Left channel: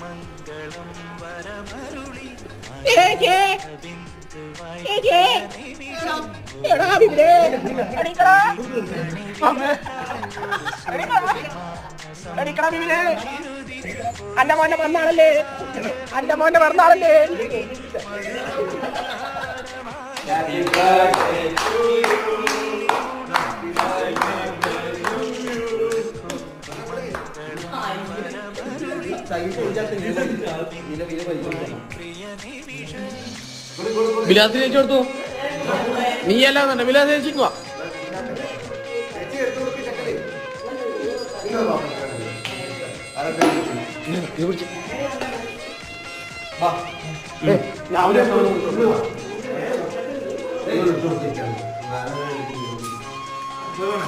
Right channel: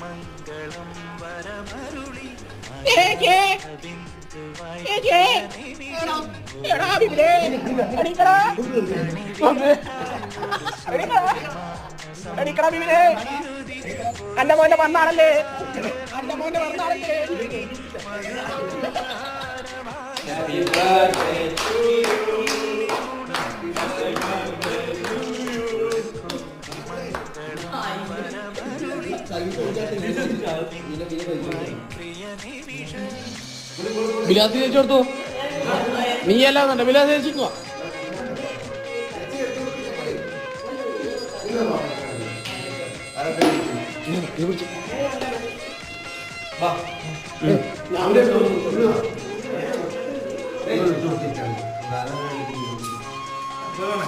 മംഗളം വരമരുളി അന്റെ മോന്റെ പറഞ്ഞാളല്ലേ വിലാസ് ചേച്ചി കൊടുത്തു. നീ അല്ലാതെ വിലാസ് ചേച്ചിക്കുവാ. ഞാൻ